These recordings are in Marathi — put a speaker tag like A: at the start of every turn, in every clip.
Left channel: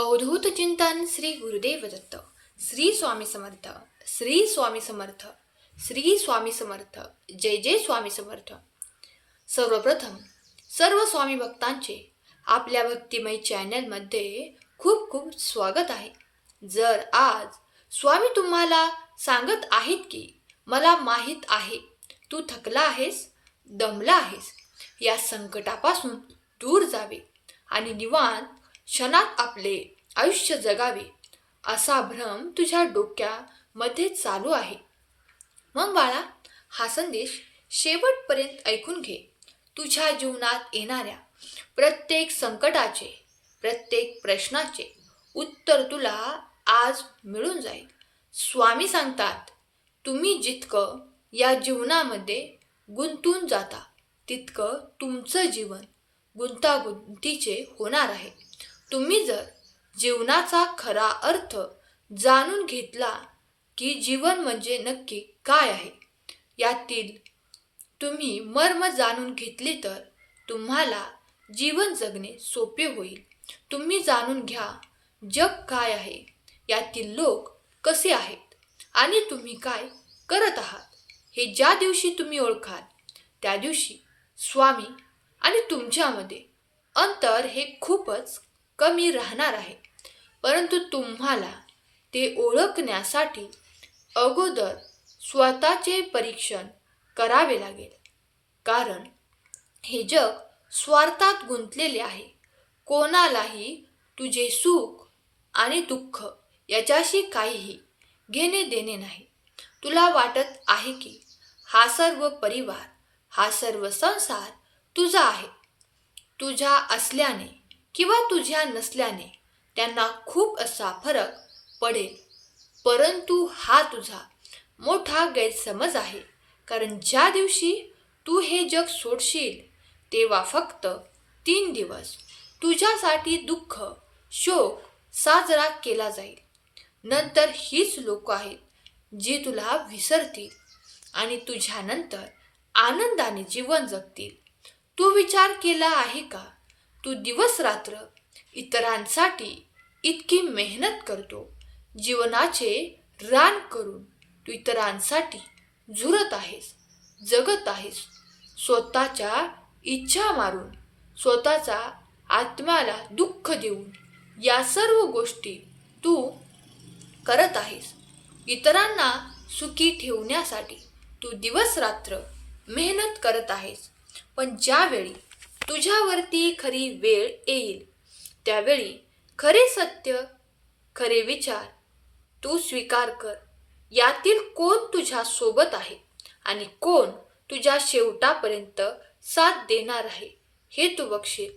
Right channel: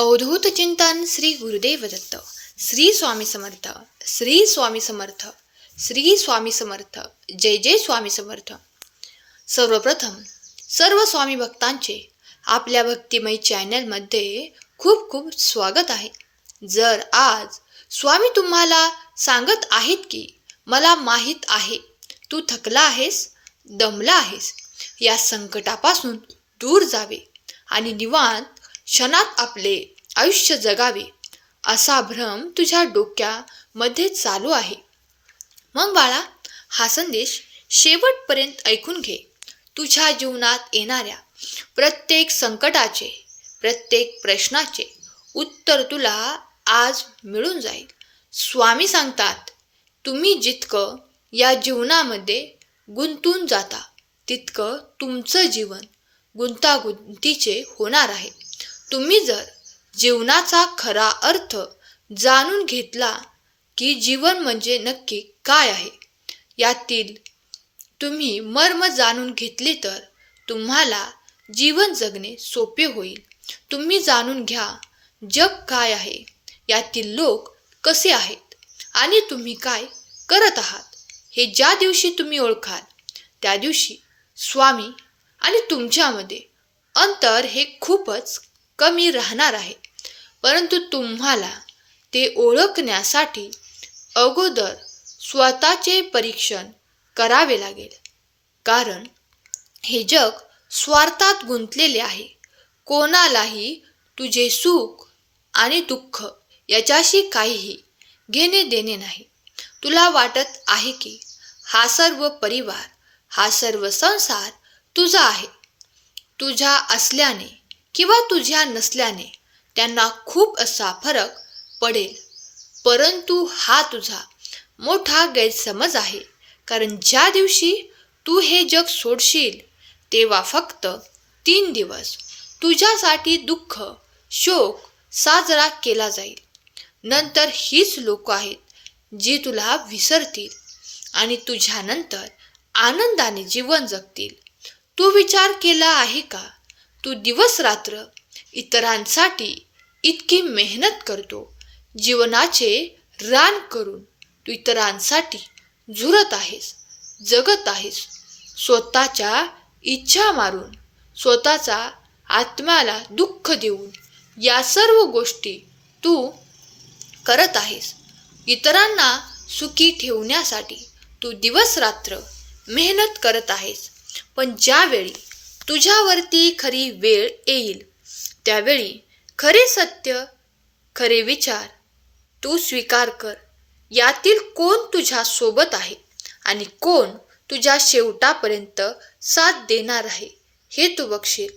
A: अवधूत चिंतन श्री गुरुदेव दत्त श्री स्वामी समर्थ श्री स्वामी समर्थ श्री स्वामी समर्थ जय जय स्वामी समर्थ. सर्वप्रथम सर्व स्वामी भक्तांचे आपल्या भक्तिमय चॅनलमध्ये खूप खूप स्वागत आहे. जर आज स्वामी तुम्हाला सांगत आहेत की मला माहीत आहे तू थकला आहेस दमला आहेस या संकटापासून दूर जावे आणि निवांत क्षणात आपले आयुष्य जगावे असा भ्रम तुझ्या डोक्यामध्ये चालू आहे. मग बाळा हा संदेश शेवटपर्यंत ऐकून घे. तुझ्या जीवनात येणाऱ्या प्रत्येक संकटाचे प्रत्येक प्रश्नाचे उत्तर तुला आज मिळून जाईल. स्वामी सांगतात तुम्ही जितकं या जीवनामध्ये गुंतून जाता तितकं तुमचं जीवन गुंतागुंतीचे होणार आहे. तुम्ही जर जीवनाचा खरा अर्थ जाणून घेतला की जीवन म्हणजे नक्की काय आहे यातील तुम्ही मर्म जाणून घेतले तर तुम्हाला जीवन जगणे सोपे होईल. तुम्ही जाणून घ्या जग काय आहे यातील लोक कसे आहेत आणि तुम्ही काय करत आहात हे ज्या दिवशी तुम्ही ओळखाल त्या दिवशी स्वामी आणि तुमच्यामध्ये अंतर हे खूपच कमी राहणार आहे. परंतु तुम्हाला ते ओळखण्यासाठी अगोदर स्वतःचे परीक्षण करावे लागेल. कारण हे जग स्वार्थात गुंतलेले आहे. कोणालाही तुझे सुख आणि दुःख याच्याशी काहीही घेणे देणे नाही. तुला वाटत आहे की हा सर्व परिवार हा सर्व संसार तुझा आहे. तुझ्या असल्याने किंवा तुझ्या नसल्याने त्यांना खूप असा फरक पडेल. परंतु हा तुझा मोठा गैरसमज आहे. कारण ज्या दिवशी तू हे जग सोडशील तेव्हा फक्त तीन दिवस तुझ्यासाठी दुःख शोक साजरा केला जाईल. नंतर हीच लोक आहेत जी तुला विसरतील आणि तुझ्यानंतर आनंदाने जीवन जगतील. तू विचार केला आहे का? तू दिवस रात्र इतरांसाठी इतकी मेहनत करतो. जीवनाचे रान करून तू इतरांसाठी झुरत आहेस जगत आहेस. स्वतःच्या इच्छा मारून स्वतःचा आत्म्याला दुःख देऊन या सर्व गोष्टी तू करत आहेस. इतरांना सुखी ठेवण्यासाठी तू दिवस रात्र मेहनत करत आहेस. पण ज्यावेळी तुझ्यावरती खरी वेळ येईल. त्यावेळी खरे सत्य खरे विचार तू स्वीकार कर. यातील कोण तुझ्या सोबत आहे आणि कोण तुझ्या शेवटापर्यंत साथ देणार आहे हे तू बघशील.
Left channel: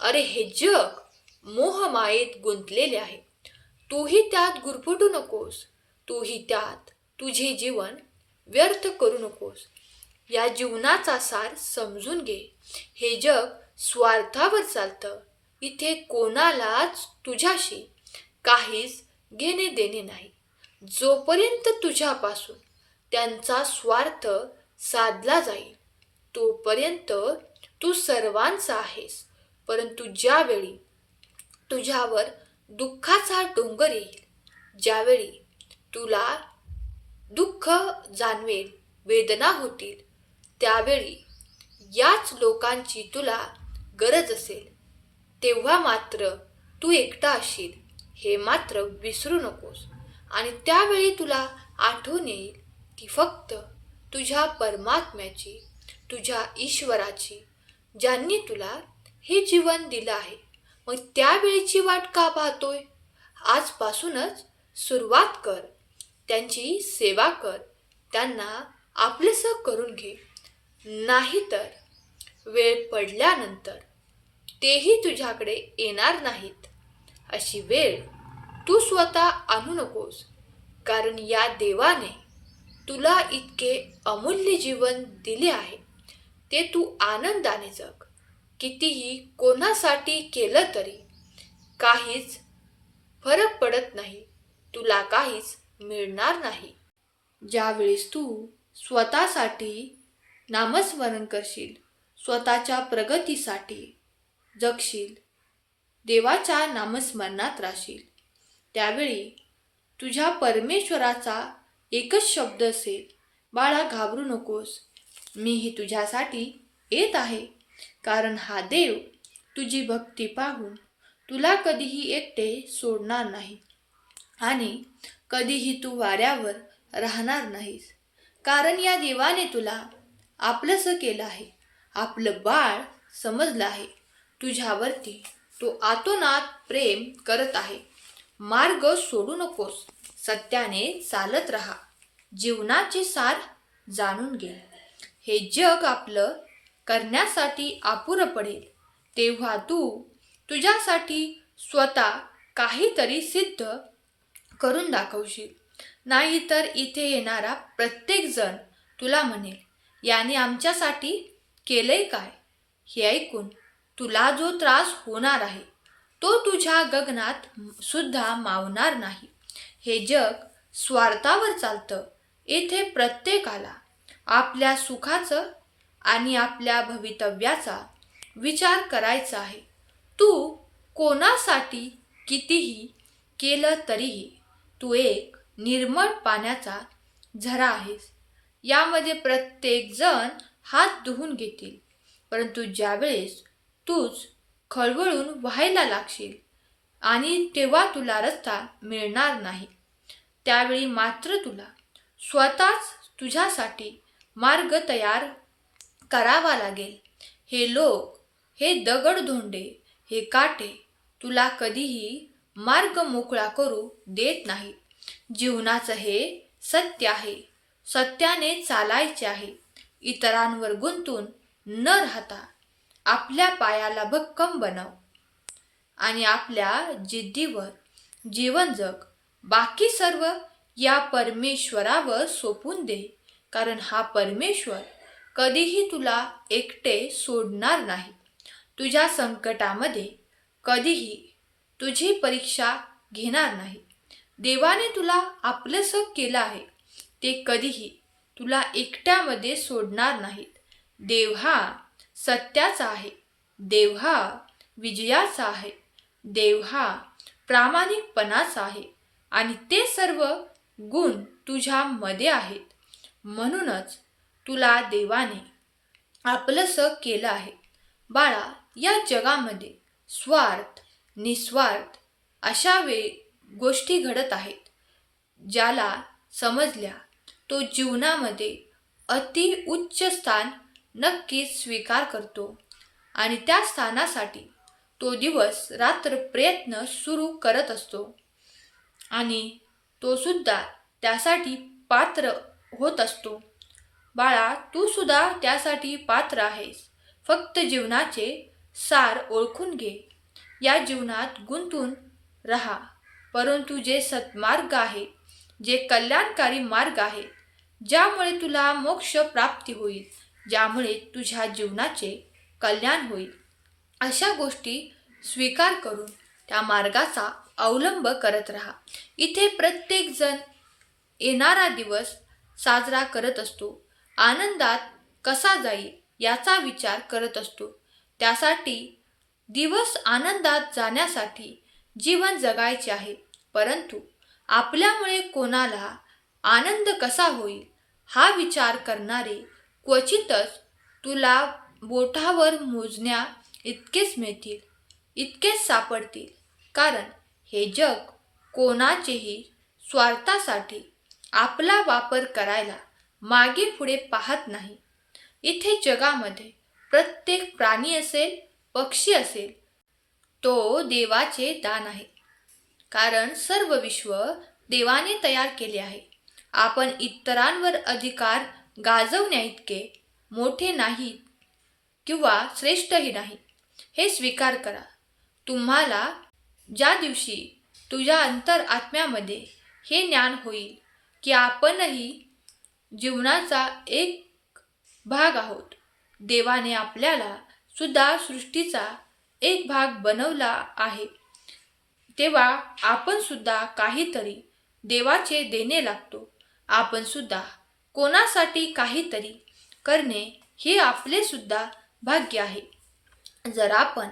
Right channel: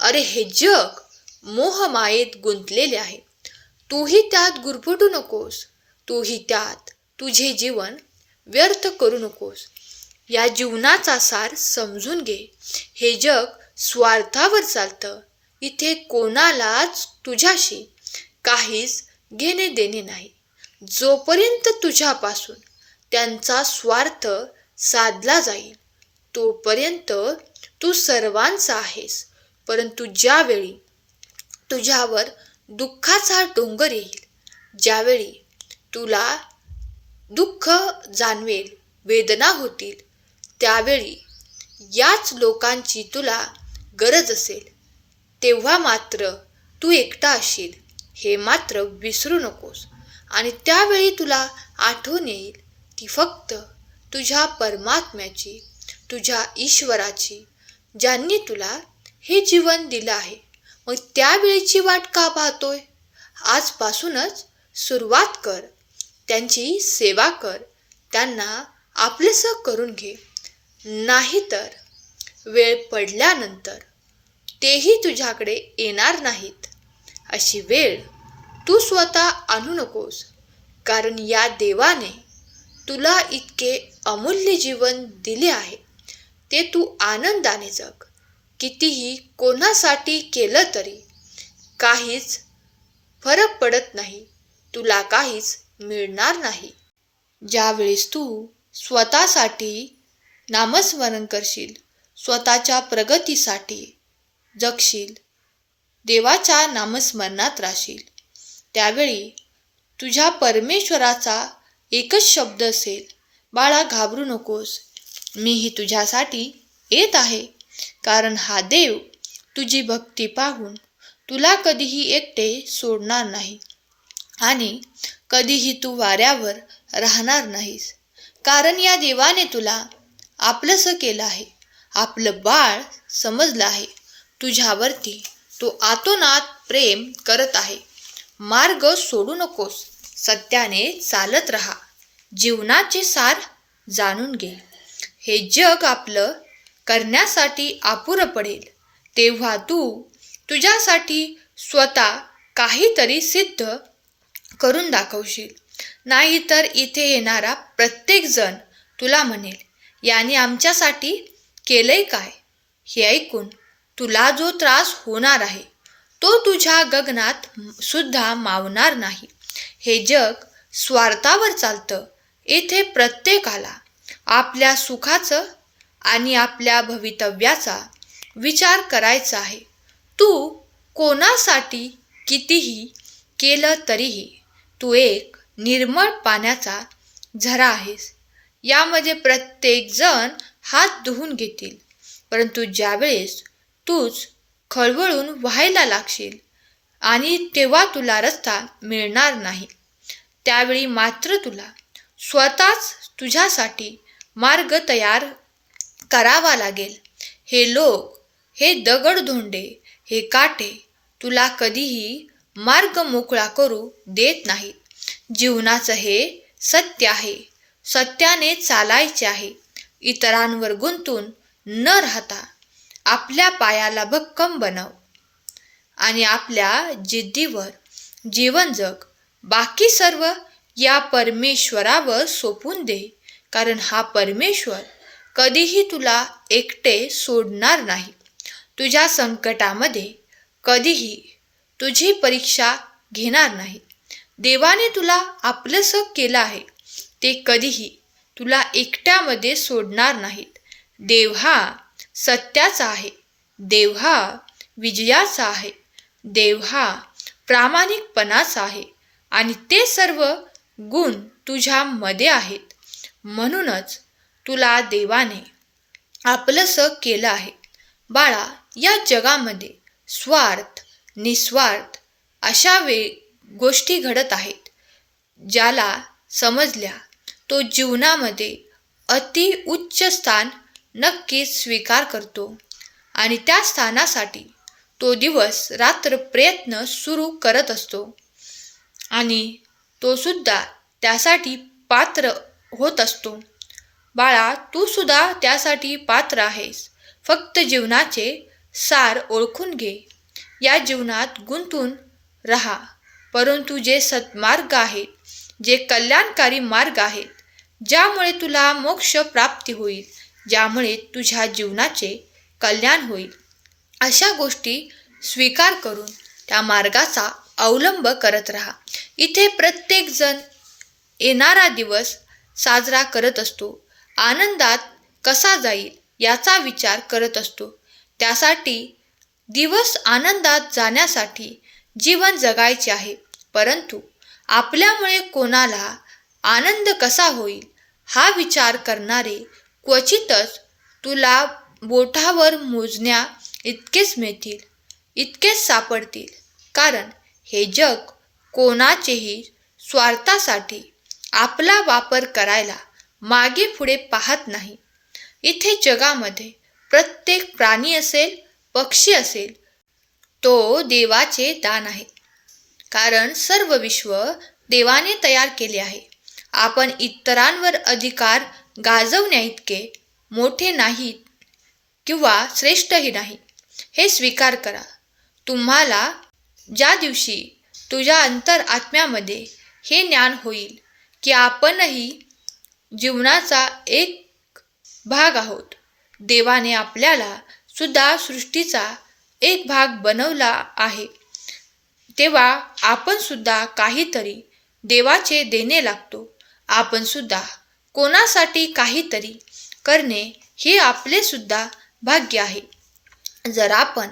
A: अरे हे जग मोहमायेत गुंतलेले आहे. तूही त्यात गुरफटू नकोस. तूही त्यात तुझे जीवन व्यर्थ करू नकोस. या जीवनाचा सार समजून घे. हे जग स्वार्थावर चालतं. इथे कोणालाच तुझ्याशी काहीच घेणे देणे नाही. जोपर्यंत तुझ्यापासून त्यांचा स्वार्थ साधला जाईल तोपर्यंत तू सर्वांचा आहेस. परंतु ज्यावेळी तुझ्यावर दुःखाचा डोंगर येईल ज्यावेळी तुला दुःख जाणवेल वेदना होतील त्यावेळी याच लोकांची तुला गरज असेल तेव्हा मात्र तू एकटा असशील हे मात्र विसरू नकोस. आणि त्यावेळी तुला आठवण येईल ती फक्त तुझ्या परमात्म्याची तुझ्या ईश्वराची ज्यांनी तुला हे जीवन दिलं आहे. मग त्यावेळीची वाट का पाहतोय? आजपासूनच सुरुवात कर त्यांची सेवा कर त्यांना आपलंसं करून घे. नाहीतर वेळ पडल्यानंतर तेही तुझ्याकडे येणार नाहीत. अशी वेळ तू स्वतः आणू नकोस कारण या देवाने तुला इतके अमूल्य जीवन दिले आहे. ते तू आनंदाने जग. कितीही कोणासाठी केलं तरी काहीच फरक पडत नाही. तुला काहीच मिळणार नाही. ज्यावेळेस तू स्वतःसाठी नामस्मरण करशील. स्वतःच्या प्रगतीसाठी जगशील. देवाच्या नामस्मरणात राहशील. त्यावेळी तुझ्या परमेश्वराचा एकच शब्द असेल बाळा घाबरू नकोस. मीही तुझ्यासाठी येत आहे. कारण हा देव तुझी भक्ती पाहून तुला कधीही एकटे सोडणार नाही आणि कधीही तू वाऱ्यावर राहणार नाहीस. कारण या देवाने तुला आपलंसं केलं आहे. आपलं बाळ समजलं आहे. तुझ्यावरती तो आतोनात प्रेम करत आहे. मार्ग सोडू नकोस. सत्याने चालत राहा. जीवनाचे सार जाणून घे. हे जग आपलं करण्यासाठी अपुरं पडेल. तेव्हा तू तुझ्यासाठी स्वतः काहीतरी सिद्ध करून दाखवशील. नाहीतर इथे येणारा प्रत्येकजण तुला म्हणेल याने आमच्यासाठी केलंय काय? हे ऐकून तुला जो त्रास होणार आहे तो तुझ्या गगनात सुद्धा मावणार नाही. हे जग स्वार्थावर चालतं. येथे प्रत्येकाला आपल्या सुखाचं आणि आपल्या भवितव्याचा विचार करायचा आहे. तू कोणासाठी कितीही केलं तरीही तू एक निर्मळ पाण्याचा झरा आहेस. यामध्ये प्रत्येकजण हात धुवून घेतील. परंतु ज्यावेळेस तूच खळबळून व्हायला लागशील आणि तेव्हा तुला रस्ता मिळणार नाही. त्यावेळी मात्र तुला स्वतःच तुझ्यासाठी मार्ग तयार करावा लागेल. हे लोक हे दगडधोंडे हे काटे तुला कधीही मार्ग मोकळा करू देत नाहीत. जीवनाचं हे सत्य आहे. सत्याने चालायचे आहे. इतरांवर गुंतून न राहता आपल्या पायाला भक्कम बनव. आणि आपल्या जिद्दीवर जीवन जग बाकी सर्व या परमेश्वरावर सोपून दे. कारण हा परमेश्वर कधीही तुला एकटे सोडणार नाही. तुझ्या संकटामध्ये कधीही तुझी परीक्षा घेणार नाही. देवाने तुला आपलंसं केलं आहे. ते कधीही तुला एकट्यामध्ये सोडणार नाहीत. देव हा सत्याचा आहे. देव हा विजयाचा आहे. देव हा प्रामाणिकपणाचा आहे. आणि ते सर्व गुण तुझ्यामध्ये आहेत. म्हणूनच तुला देवाने आपलंसं केलं आहे. बाळा या जगामध्ये स्वार्थ निस्वार्थ अशा वे गोष्टी घडत आहेत ज्याला समजल्या तो जीवनामध्ये अति उच्च स्थान नक्कीच स्वीकार करतो. आणि त्या स्थानासाठी तो दिवस रात्र प्रयत्न सुरू करत असतो. आणि तो सुद्धा त्यासाठी पात्र होत असतो. बाळा तू सुद्धा त्यासाठी पात्र आहेस. फक्त जीवनाचे सार ओळखून घे. या जीवनात गुंतून राहा. परंतु जे सत्मार्ग आहेत जे कल्याणकारी मार्ग आहेत ज्यामुळे तुला मोक्ष प्राप्ती होईल ज्यामुळे तुझ्या जीवनाचे कल्याण होईल. अशा गोष्टी स्वीकार करून त्या मार्गाचा अवलंब करत राहा. इथे प्रत्येकजण येणारा दिवस साजरा करत असतो. आनंदात कसा जाईल याचा विचार करत असतो. त्यासाठी दिवस आनंदात जाण्यासाठी जीवन जगायचे आहे. परंतु आपल्यामुळे कोणाला आनंद कसा होईल हा विचार करणारे क्वचितच तुला बोटावर मोजण्या इतकेच मिळतील इतकेच सापडतील. कारण हे जग कोणाचेही स्वार्थासाठी आपला वापर करायला मागे पुढे पाहत नाही. इथे जगामध्ये प्रत्येक प्राणी असेल पक्षी असेल तो देवाचे दान आहे. कारण सर्व विश्व देवाने तयार केले आहे. आपण इतरांवर अधिकार गाजवण्याइतके मोठे नाहीत किंवा श्रेष्ठही नाही. हे स्वीकार करा. तुम्हाला ज्या दिवशी तुझ्या अंतर आत्म्यामध्ये हे ज्ञान होईल की आपणही जीवनाचा एक भाग आहोत. देवाने आपल्याला सुद्धा सृष्टीचा एक भाग बनवला आहे. तेव्हा आपण सुद्धा काहीतरी देवाचे देणे लागतो. आपण सुद्धा कोणासाठी काहीतरी करणे हे आपले सुद्धा भाग्य आहे. जर आपण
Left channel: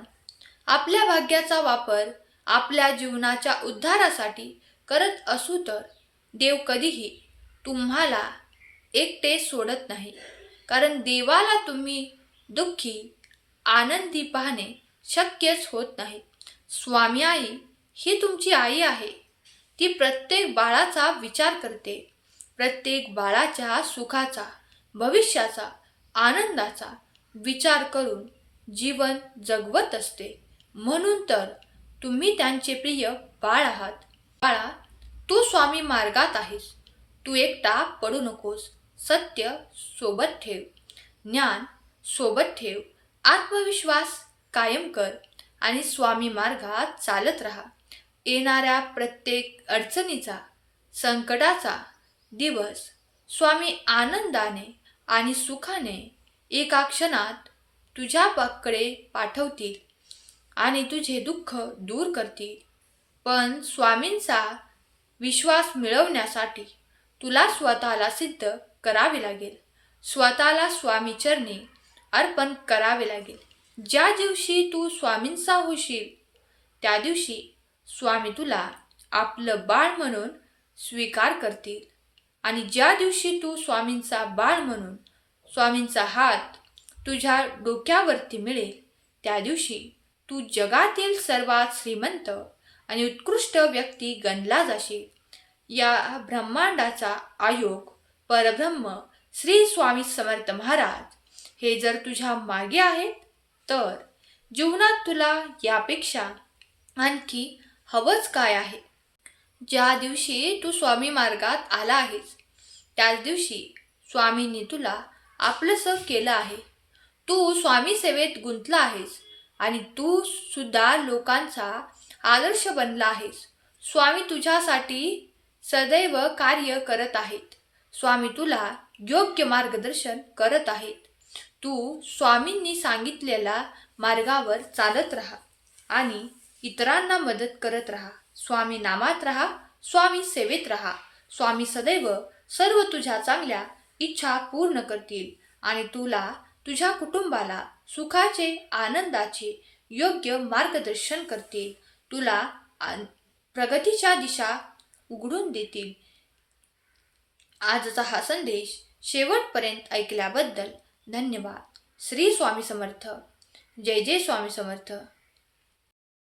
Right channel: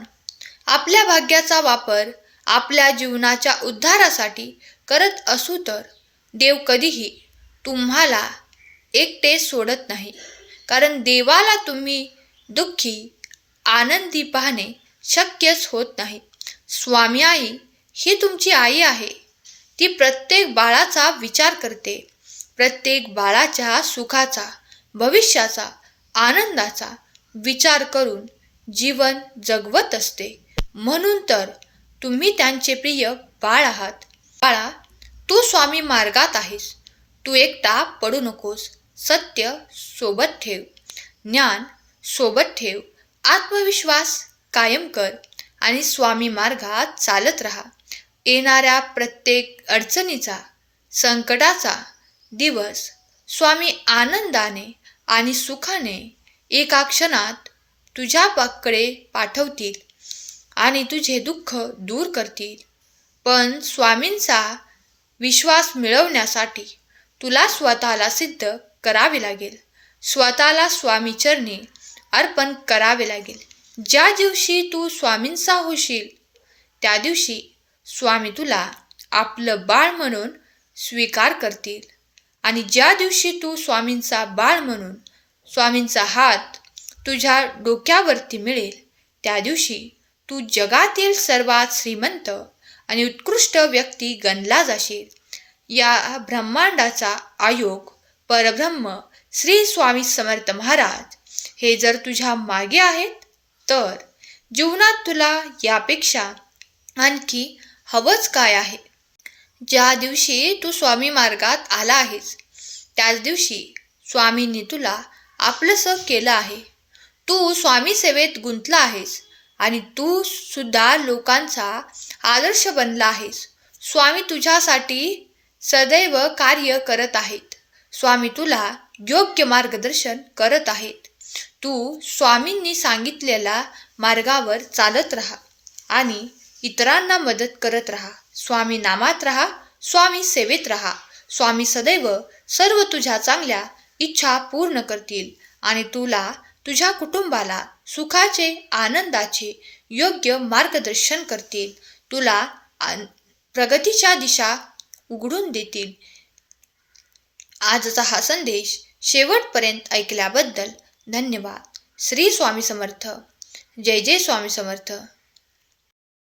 A: आपल्या भाग्याचा वापर आपल्या जीवनाच्या उद्धारासाठी करत असू तर देव कधीही तुम्हाला एकटे सोडत नाही. कारण देवाला तुम्ही दुःखी आनंदी पाहणे शक्यच होत नाही. स्वामी आई ही तुमची आई आहे. ती प्रत्येक बाळाचा विचार करते. प्रत्येक बाळाच्या सुखाचा भविष्याचा आनंदाचा विचार करून जीवन जगवत असते. म्हणून तर तुम्ही त्यांचे प्रिय बाळ आहात. बाळा तू स्वामी मार्गात आहेस. तू एकटा पडू नकोस. सत्य सोबत ठेव. ज्ञान सोबत ठेव. आत्मविश्वास कायम कर आणि स्वामी मार्गात चालत राहा. येणाऱ्या प्रत्येक अडचणीचा संकटाचा दिवस स्वामी आनंदाने आणि सुखाने एका क्षणात तुझ्याकडे पाठवतील आणि तुझे दुःख दूर करतील. पण स्वामींचा विश्वास मिळवण्यासाठी तुला स्वतःला सिद्ध करावे लागेल. स्वतःला स्वामी चरणी अर्पण करावे लागेल. ज्या दिवशी तू स्वामींचा होशील त्या दिवशी स्वामी तुला आपलं बाळ म्हणून स्वीकार करतील. आणि ज्या दिवशी तू स्वामींचा बाळ म्हणून स्वामींचा हात तुझ्या डोक्यावरती मिळेल त्या दिवशी तू जगातील सर्वात श्रीमंत आणि उत्कृष्ट व्यक्ती गणला जाशील. या ब्रह्मांडाचा आयोग परब्रह्म श्री स्वामी समर्थ महाराज. हे जर तुझ्या मागे आहेत तर जीवनात तुला यापेक्षा आणखी हवंच काय आहे? ज्या दिवशी तू स्वामी मार्गात आला आहेस त्याच दिवशी स्वामींनी तुला आपलंसं केलं आहे. तू स्वामी सेवेत गुंतला आहेस आणि तू सुद्धा लोकांचा आदर्श बनला आहेस. स्वामी तुझ्यासाठी सदैव कार्य करत आहेत. स्वामी तुला योग्य मार्गदर्शन करत आहेत. तू स्वामींनी सांगितलेल्या मार्गावर चालत राहा आणि इतरांना मदत करत राहा. स्वामी नामात राहा स्वामी सेवेत राहा. स्वामी सदैव सर्व तुझ्या चांगल्या इच्छा पूर्ण करतील आणि तुला तुझ्या कुटुंबाला सुखाचे आनंदाचे योग्य मार्गदर्शन करतील. तुला प्रगतीच्या दिशा उघडून देतील. आजचा हा संदेश शेवटपर्यंत ऐकल्याबद्दल धन्यवाद. श्री स्वामी समर्थ. जय जय स्वामी समर्थ.